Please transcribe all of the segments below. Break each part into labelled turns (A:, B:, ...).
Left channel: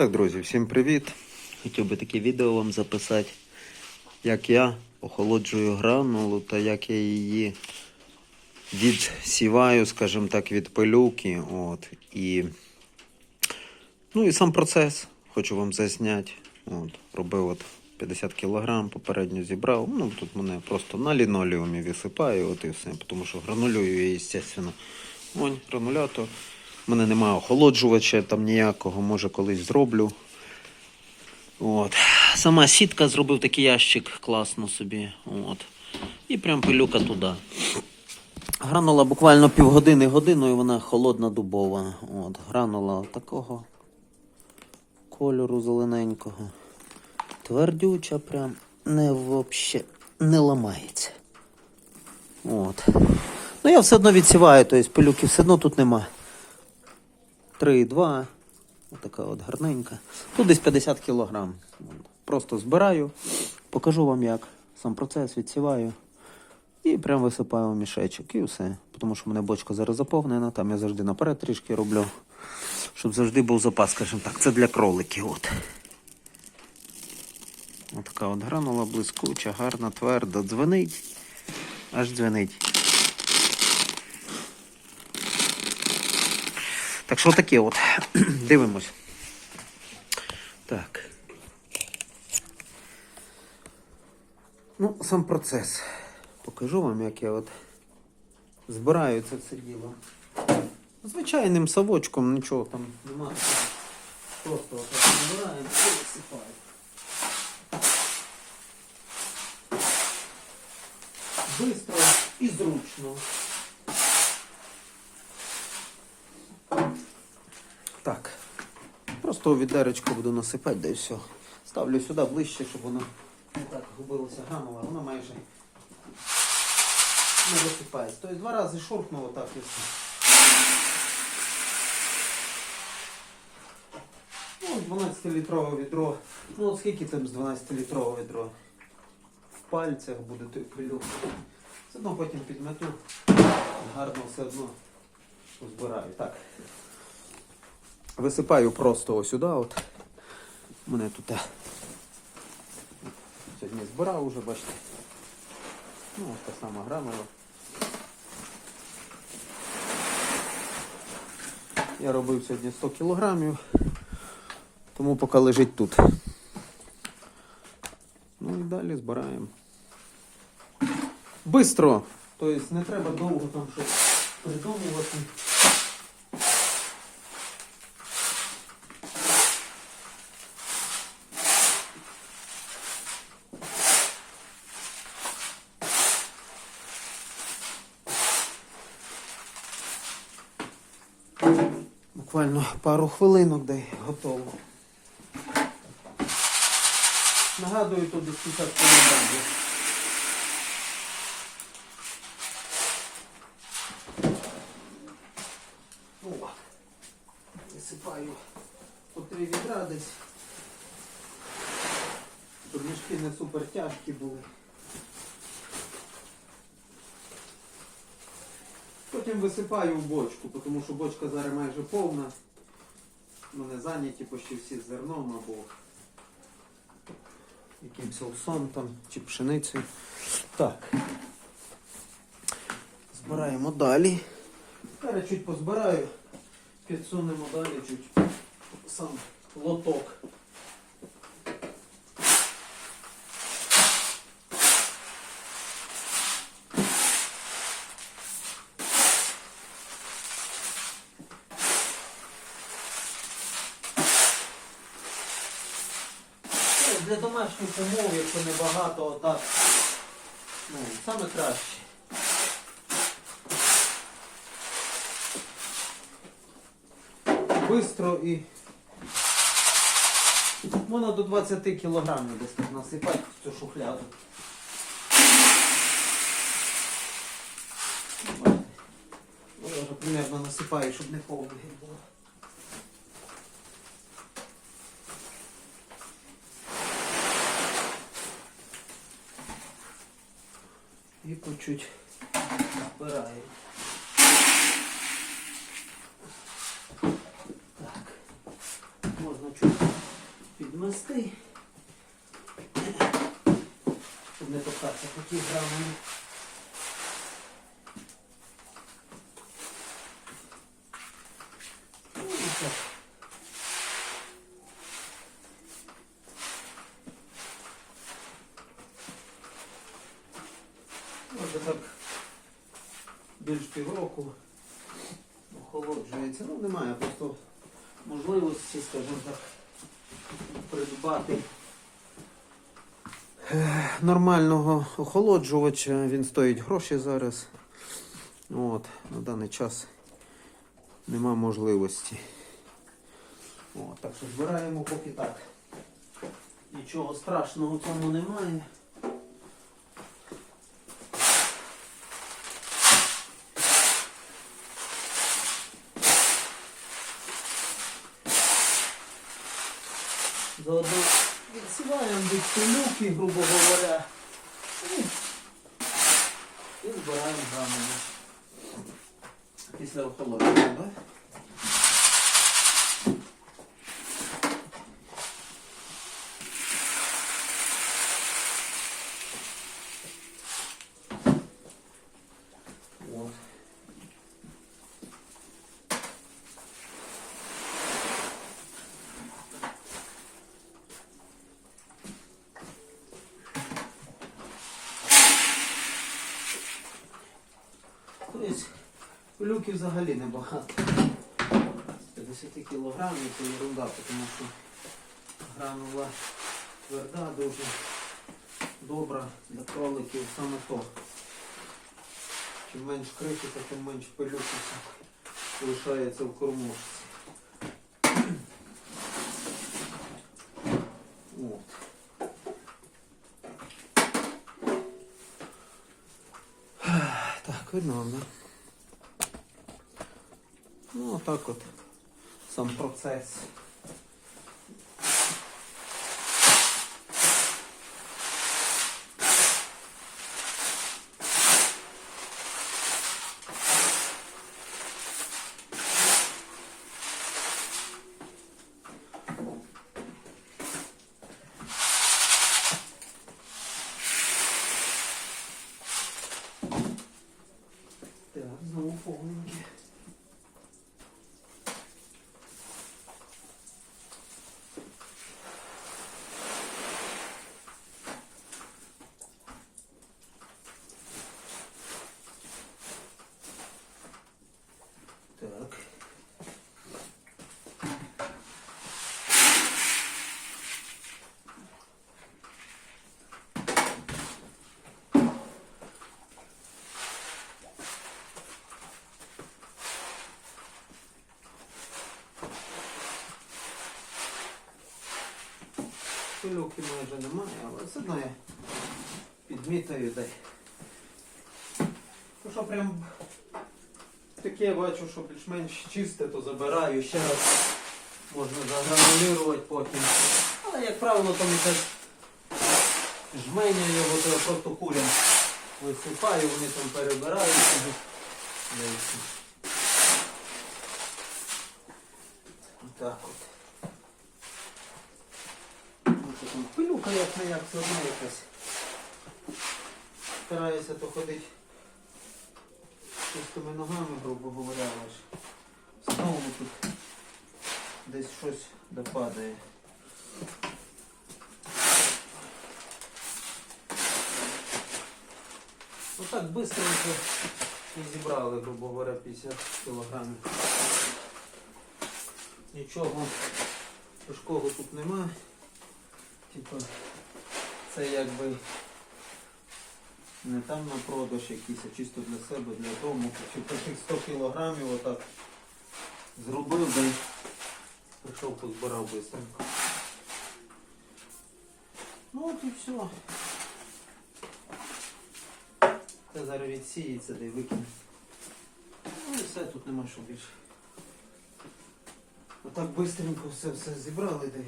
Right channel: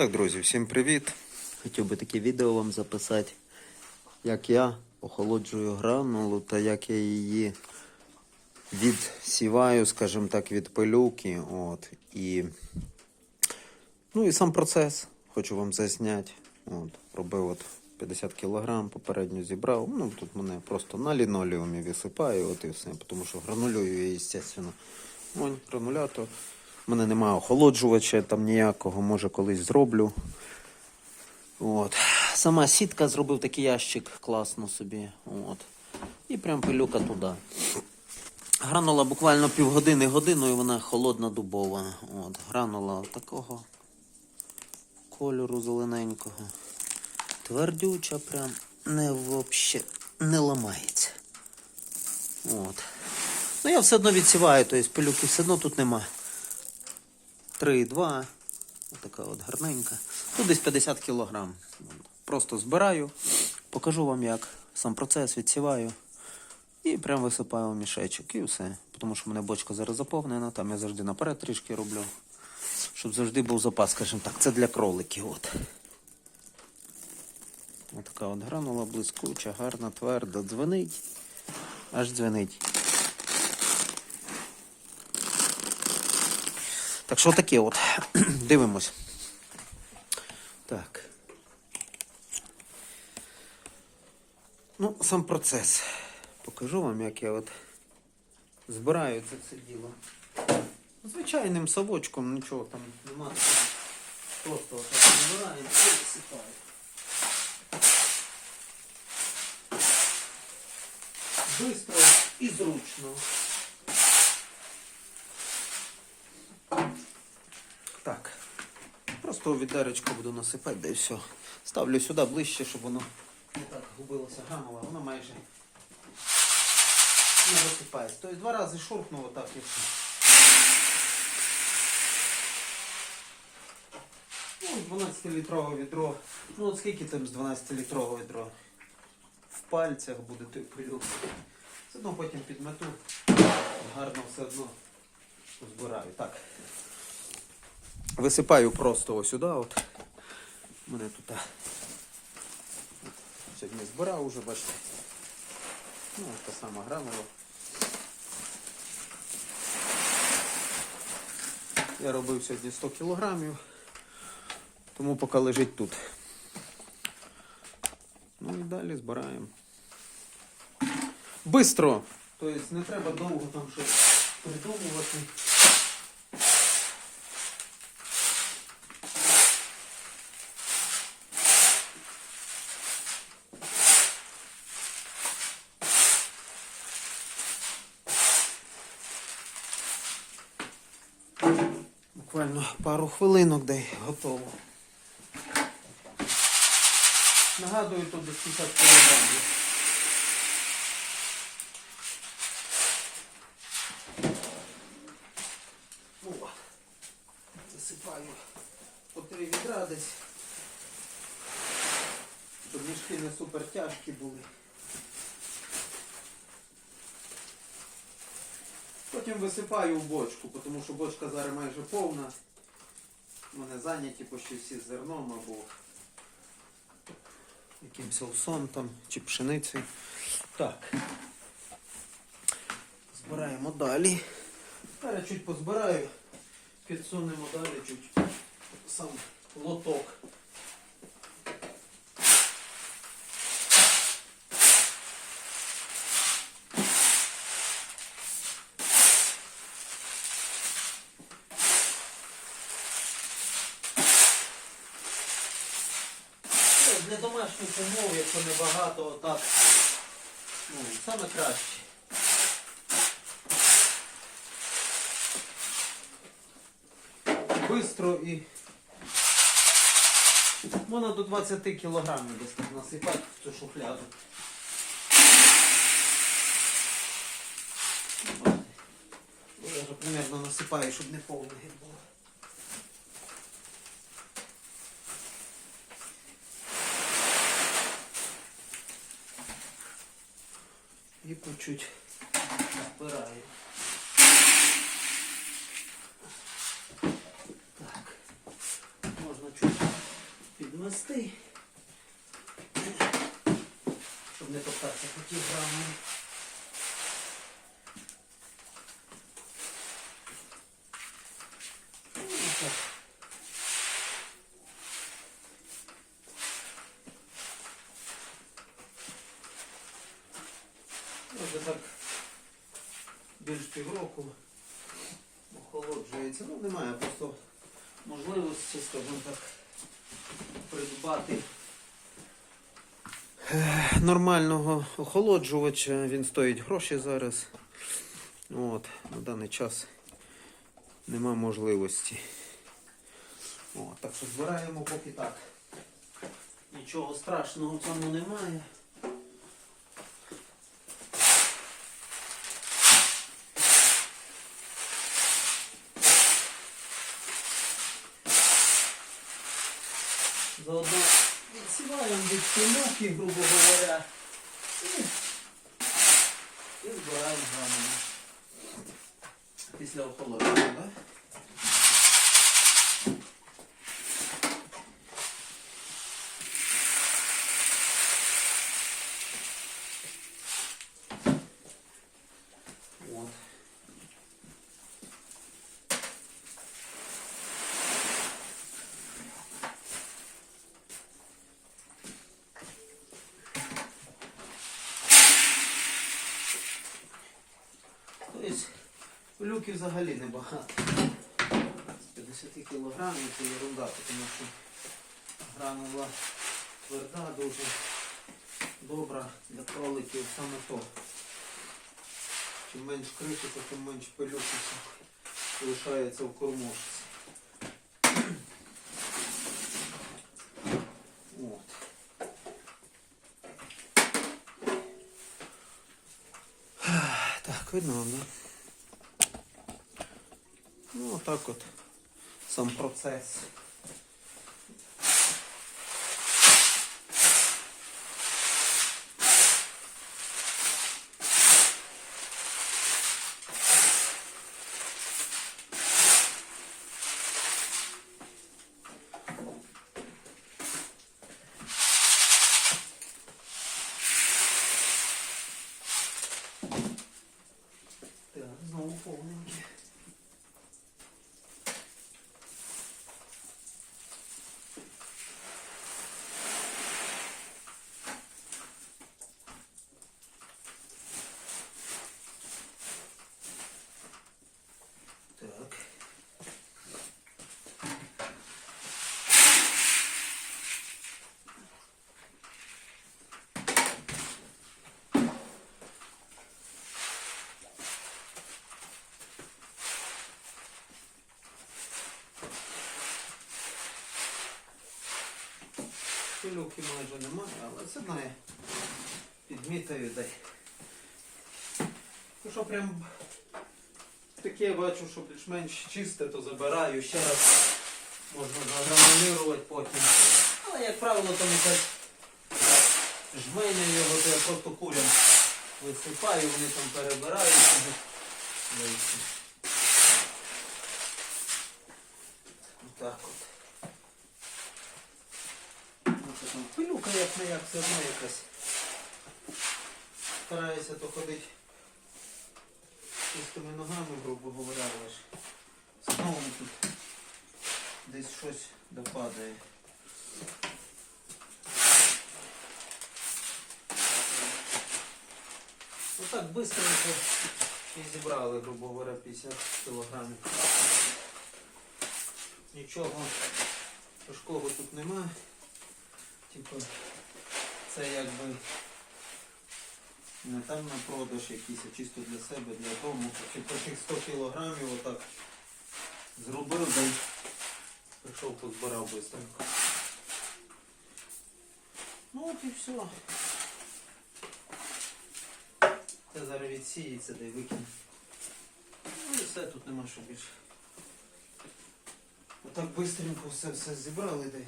A: Так, друзі, всім привіт! Хотів би таке відео вам записати, як я охолоджую гранулу та як я її відсіваю, скажімо так, від пилюки. От, і, ну і сам процес хочу вам засняти. От, робив от 50 кг, попередньо зібрав. Ну, тут мене просто на лінолеумі висипаю, от і все. Тому що гранулюю я, звісно. Вон, гранулятор. У мене немає охолоджувача там ніякого, може колись зроблю. От. Сама сітка зробив такий ящик класно собі. От. І прям пилюка туди. Гранула буквально півгодини годину і вона холодна дубова. От. Гранула такого кольору зелененького. Твердюча, прям не вообще не ламається. От. Ну я все одно відсіваю, тобто пилюки все одно тут нема. 3,2. Отака от гарненька. Тут десь 50 кілограм. Просто збираю, покажу вам як. Сам процес відсіваю. І прям висипаю в мішечок і все. Тому що в мене бочка зараз заповнена, там я завжди наперед трішки роблю. Щоб завжди був запас, скажімо так. Це для кроликів. От. Отака от гранула блискуча, гарна, тверда. Дзвенить. Аж дзвенить. Так що таке от. Дивимось. Так. Ну, сам процес. Покажу вам, як я от збираю це все діло. Звичайним совочком, нічого там нема. такого. Просто отак збираємо і висипаємо. Бистро і зручно. Так. Просто у відеречко буду насипати, да і все. Ставлю сюди ближче, щоб воно не так губилося гранула. Воно майже не висипається. Тобто два рази шуркнуло так і все. Ну, 12-літрове відро. Ну от скільки там з 12-літрового відро? В пальцях буде той пилюк. Все одно потім підмету. Гарно все одно збираю. Так. Висипаю просто ось сюди. От. Мене тут е, сьогодні збирав уже, бачите. Ну, ось та сама гранула. Я робив сьогодні 100 кілограмів, тому поки лежить тут. Ну і далі збираємо. Бистро! Тобто не треба довго там щось придумувати. Буквально пару хвилинок де готово. Нагадую, тут десь 50 кілограмів. О, Висипаю по три відра десь. Щоб мішки не супер тяжкі були. Потім висипаю в бочку, тому що бочка зараз майже повна. Вони зайняті почти всі зерном або якимось овсом там чи пшеницею. Так. Збираємо далі. Зараз чуть позбираю, підсунемо далі чуть сам лоток. Ну, Для умов, якщо небагато, отак, ну, саме краще. Бистро і можна до 20 кілограмів десь насипати в цю шухляду. Я вже примерно насипаю, щоб не повне було. По чуть збираю. Так. Можна чуть підмести. Щоб не топтатися по тій грамі. Ну, так. Може так більш півроку охолоджується. Ну, немає просто можливості, скажімо так, придбати нормального охолоджувача. Він стоїть гроші зараз. От, на даний час нема можливості. О, так що збираємо поки так. Нічого страшного в цьому немає. Заодно відсіваємо від пилюки, грубо говоря. І, і збираємо заново. Після охолодження, так? От. Тобто пилюки взагалі небагато. З 50 кілограмів це ерунда, тому що гранула тверда, дуже добра для кроликів саме то. Чим менш критика, тим менш пилюки лишається в кормушці. Так, видно вам, да? Ну, отак от сам процес. Так, знову повненьке. Так. Пилюки майже немає, але це знає. Підмітаю дай. Ну що прям таке бачу, що більш-менш чисте, то забираю ще раз. Можна загранулювати потім. Але як правило там якась жменя його, то я просто курям висипаю, вони там перебирають. собі. Да і все. Отак от. Ну, це там пилюка як не як, все одно якась. Стараюся то ходити чистими ногами, грубо говоря, але ж знову тут десь щось допадає. Отак быстренько і зібрали, грубо говоря, 50 кілограмів. Нічого тяжкого тут немає. Типа, це якби не там на продаж якийсь, а чисто для себе, для дому. Чи таких 100 кілограмів отак зробив, й прийшов, позбирав швидко. Ну от і все. Це зараз відсіється, й викине. Ну і все, тут нема що більше. Отак швидко все, все зібрали, да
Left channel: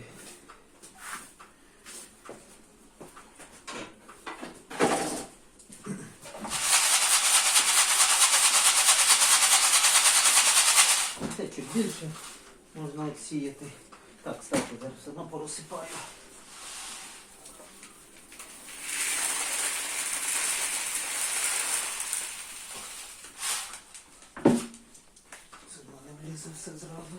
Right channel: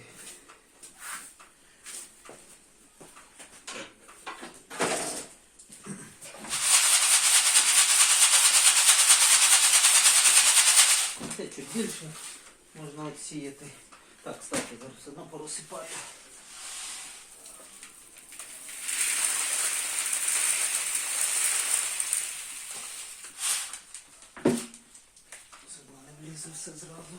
A: чуть можна відсіяти. Так, кстати, зараз все одно порозсипаю. Все не влізе все зразу.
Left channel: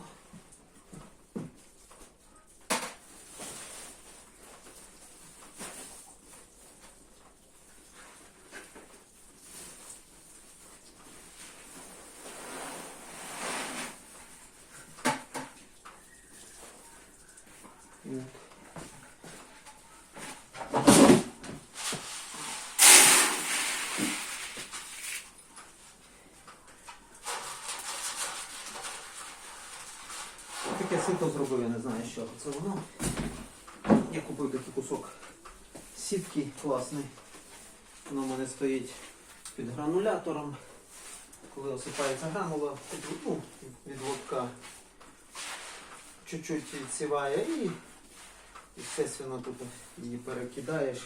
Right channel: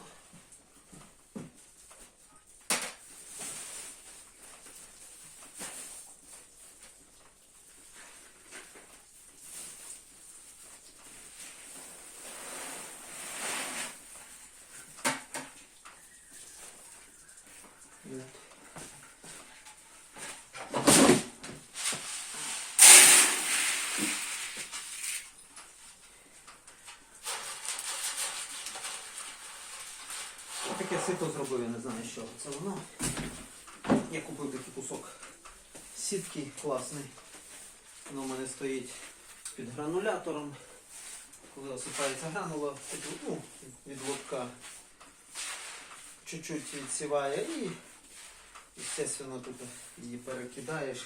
A: Вот. Таке сито зробив, я не знаю, що це воно. Я купив такий кусок сітки класний. Воно в мене стоїть під гранулятором. Коли осипається гранула, ну, від лобка чуть-чуть відсіває і, естественно, тут її перекидаєш.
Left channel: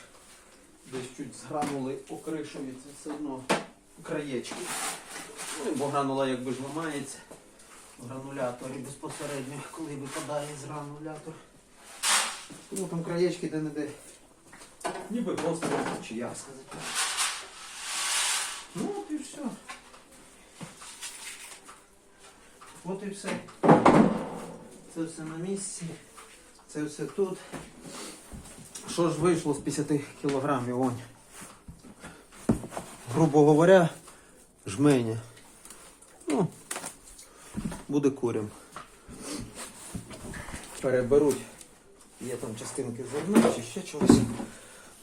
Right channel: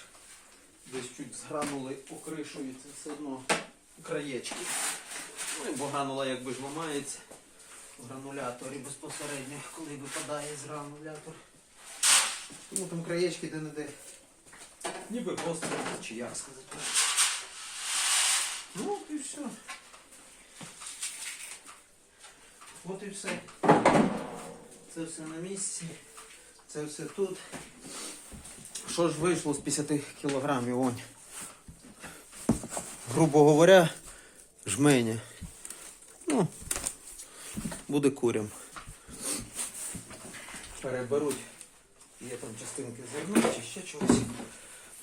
A: Десь чуть згранули окришується все одно краєчки. Ну, і бо гранула якби ж ламається в грануляторі безпосередньо, коли випадає з гранулятор. Ну там краєчки де-не-де. Ніби просто чи як сказати. Ну от і все. От і все. Це все на місці. Це все тут. Що ж вийшло з 50 кілограмів? Грубо говоря, жменя. Ну, буде курям. Переберуть. Є там частинки зерна чи ще чогось.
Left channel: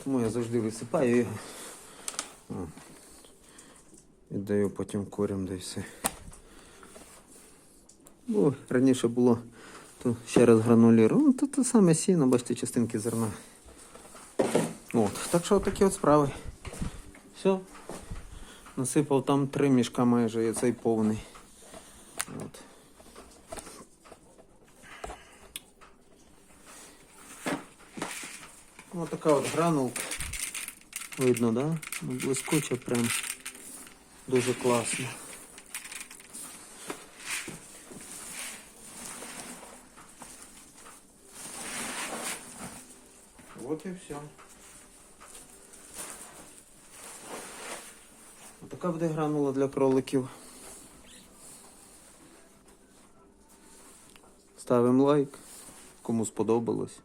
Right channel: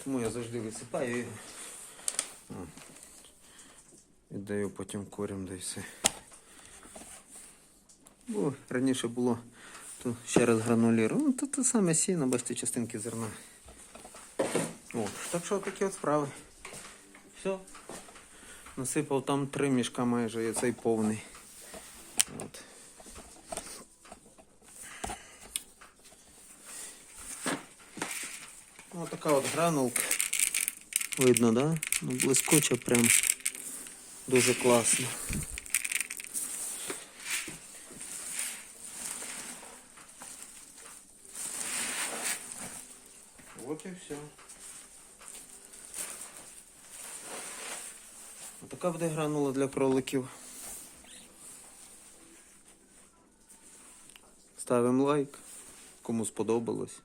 A: Тому я завжди висипаю. І даю потім курям, все. Ну, раніше було то ще раз гранулірую. Ну, то те саме сіно, бачите, частинки зерна. От. Так що такі от справи. Все. Насипав там три мішка майже, і цей повний. От. Ось така от гранулка. Видно, да? Ну, блискуча прям. Дуже класно. Вот и все. Така буде гранула для кроликів. Ставимо лайк, кому сподобалось.